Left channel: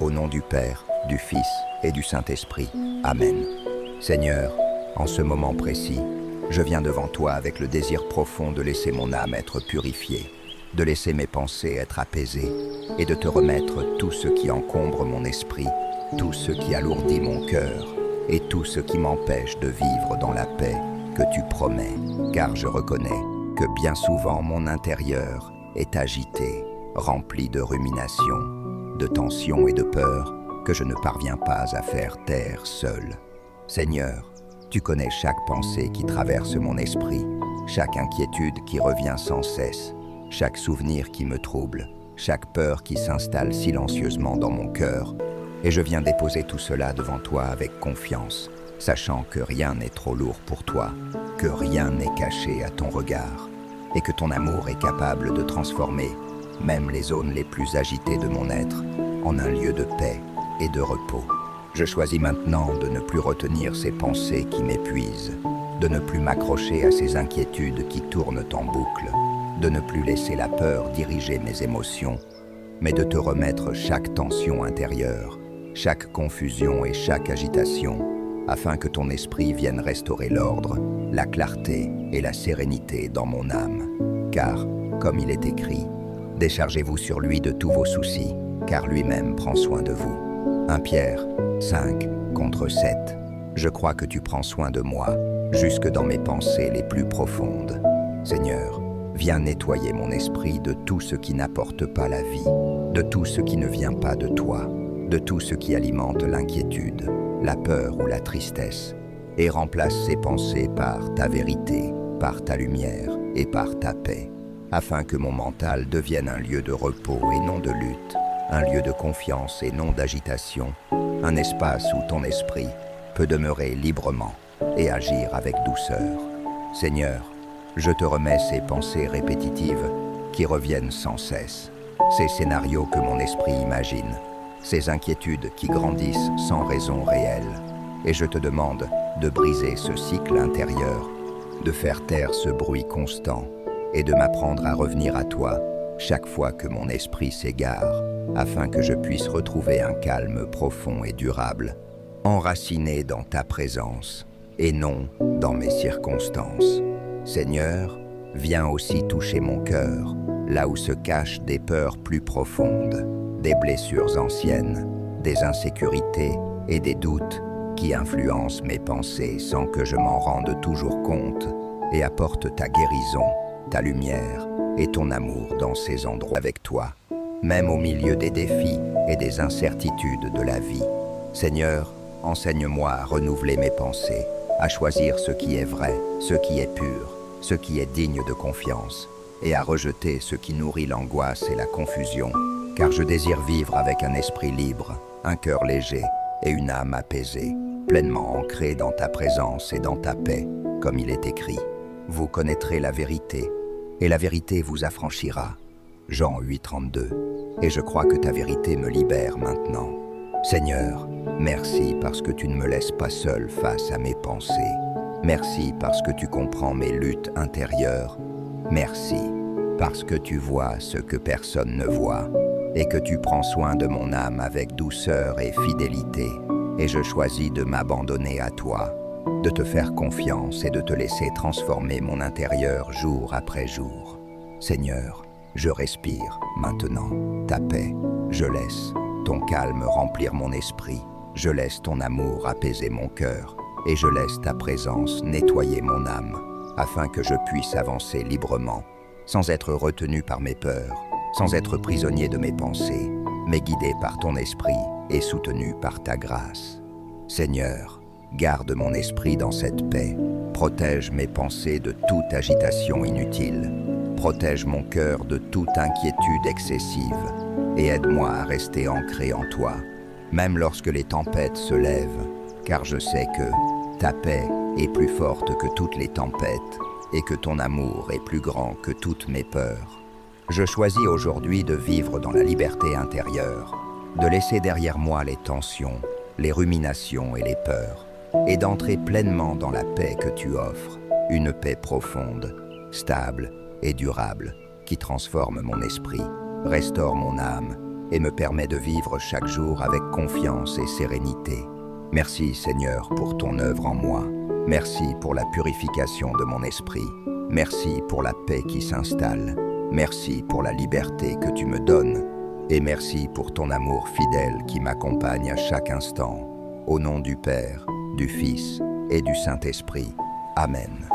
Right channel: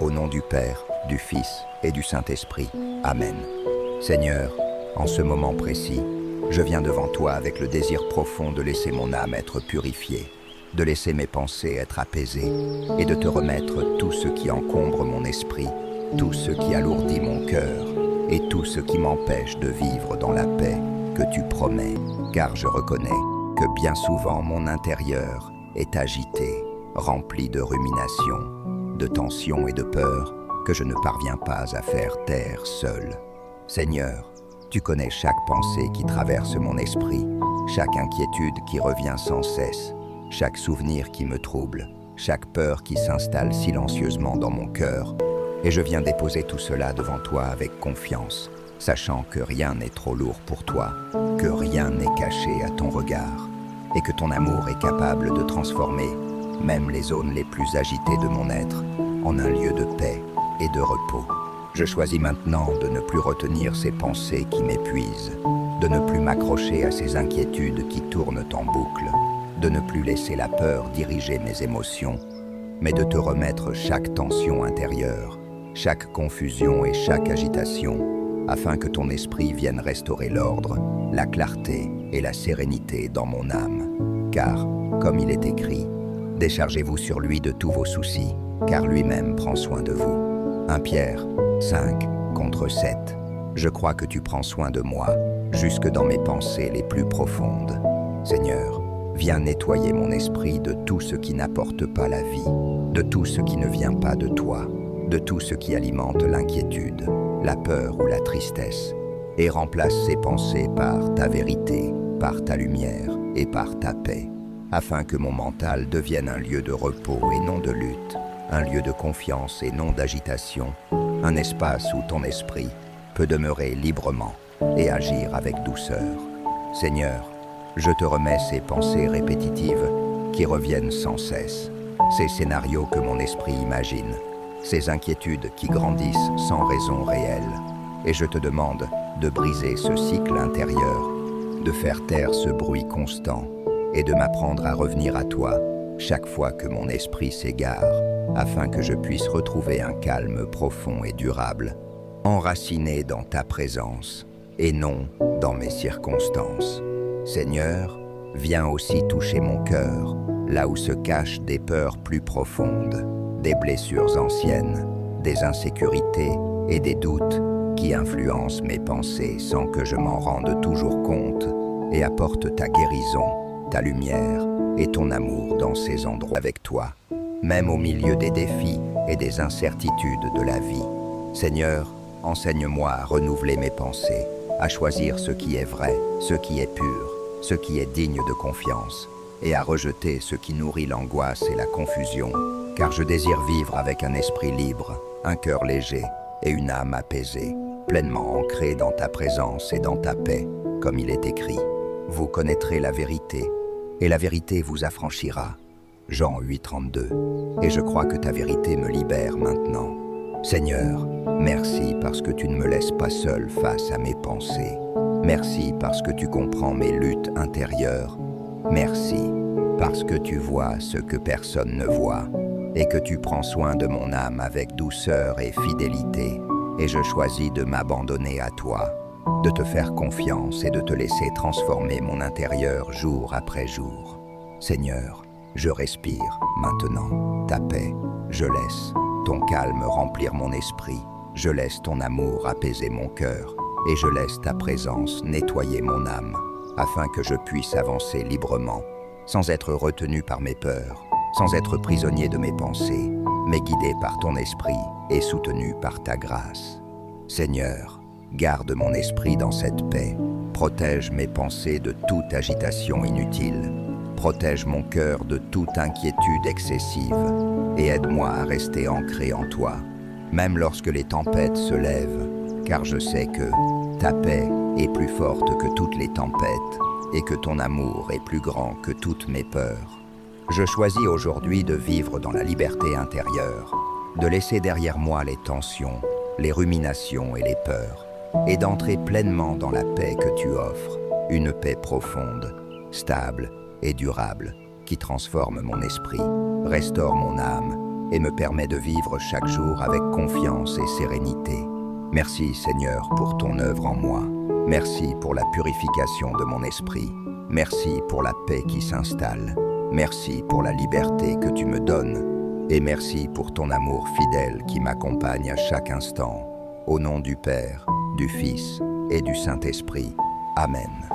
Au nom du Père, du Fils et du Saint-Esprit. Amen. Seigneur, en ce moment précis, je viens devant toi avec le désir profond de laisser mon âme être purifiée, de laisser mes pensées être apaisées et de te remettre tout ce qui encombre mon esprit, tout ce qui alourdit mon cœur et tout ce qui m'empêche de vivre dans la paix que tu promets, car je reconnais que bien souvent mon intérieur est agité, rempli de ruminations, de tensions et de peurs que je ne parviens pas à faire taire seul. Seigneur, tu connais chaque pensée qui traverse mon esprit, chaque inquiétude qui revient sans cesse, chaque souvenir qui me trouble, chaque peur qui s'installe silencieusement dans mon cœur. Et je viens déposer tout cela devant toi avec confiance, sachant que rien n'est trop lourd pour toi, que rien n'est caché à ton regard, et que ton amour est capable de transformer même les zones les plus agitées de mon être en un lieu de paix et de repos. Je choisis maintenant de ne plus retenir ces pensées qui m'épuisent, de ne plus m'accrocher à ces inquiétudes qui tournent en boucle, de ne plus laisser la peur diriger mes émotions, mais de te remettre chaque tension intérieure, chaque confusion et chaque agitation, afin que ton esprit vienne restaurer l'ordre, la clarté et la sérénité dans mon âme. Car, comme il est écrit, déchargez-vous sur lui de tous vos soucis, car lui-même prend soin de vous. 1 Pierre 5:7. Je crois que tu prends soin de moi, jusque dans mes pensées les plus profondes. Seigneur, viens nettoyer mon esprit de tout ce qui n'apporte pas la vie, de tout ce qui ne vient pas de toi, de tout ce qui alimente l'inquiétude, la peur ou la tristesse, et remplace ces pensées par ta vérité, par ta lumière et par ta paix, afin que mon mental devienne un lieu de repos et non de lutte, un lieu de confiance et non d'agitation, un espace où ton esprit peut demeurer librement et agir avec douceur. Seigneur, je te remets ces pensées répétitives qui reviennent sans cesse, ces scénarios que mon esprit imagine, ces inquiétudes qui grandissent sans raison réelle, et je te demande de briser ce cycle intérieur, de faire taire ce bruit constant et de m'apprendre à revenir à toi chaque fois que mon esprit s'égare, afin que je puisse retrouver un calme profond et durable, enraciné dans ta présence et non dans mes circonstances. Seigneur, viens aussi toucher mon cœur, là où se cachent des peurs plus profondes, des blessures anciennes, des insécurités et des doutes qui influencent mes pensées sans que je m'en rende toujours compte, et apporte ta guérison, ta lumière et ton amour dans ces endroits avec toi, même au milieu des défis et des incertitudes de la vie. Seigneur, enseigne-moi à renouveler mes pensées, à choisir ce qui est vrai, ce qui est pur, ce qui est digne de confiance, et à rejeter ce qui nourrit l'angoisse et la confusion, car je désire vivre avec un esprit libre, un cœur léger et une âme apaisée, pleinement ancrée dans ta présence et dans ta paix, comme il est écrit. Vous connaîtrez la vérité, et la vérité vous affranchira. Jean 8:32. Et je crois que ta vérité me libère maintenant. Seigneur, merci parce que tu ne me laisses pas seul face à mes pensées. Merci parce que tu comprends mes luttes intérieures. Merci parce que tu vois ce que personne ne voit et que tu prends soin de mon âme avec douceur et fidélité. Et je choisis de m'abandonner à toi, de te faire confiance et de te laisser transformer mon intérieur jour après jour. Seigneur, je respire maintenant ta paix. Je laisse ton calme remplir mon esprit. Je laisse ton amour apaiser mon cœur. Et je laisse ta présence nettoyer mon âme, afin que je puisse avancer librement, sans être retenu par mes peurs, sans être prisonnier de mes pensées, mais guidé par ton esprit et soutenu par ta grâce. Seigneur, garde mon esprit dans cette paix, protège mes pensées de toute agitation inutile, protège mon cœur de toute inquiétude excessive, et aide-moi à rester ancré en toi, même lorsque les tempêtes se lèvent, car je sais que ta paix est plus forte que toutes les tempêtes et que ton amour est plus grand que toutes mes peurs. Je choisis aujourd'hui de vivre dans la liberté intérieure, de laisser derrière moi les tensions, les ruminations et les peurs, et d'entrer pleinement dans la paix que tu offres, une paix profonde, stable et durable, qui transforme mon esprit, restaure mon âme et me permet de vivre chaque jour avec confiance et sérénité. Merci Seigneur pour ton œuvre en moi. Merci pour la purification de mon esprit. Merci pour la paix qui s'installe. Merci pour la liberté que tu me donnes. Et merci pour ton amour fidèle qui m'accompagne à chaque instant. Au nom du Père, du Fils et du Saint-Esprit. Amen.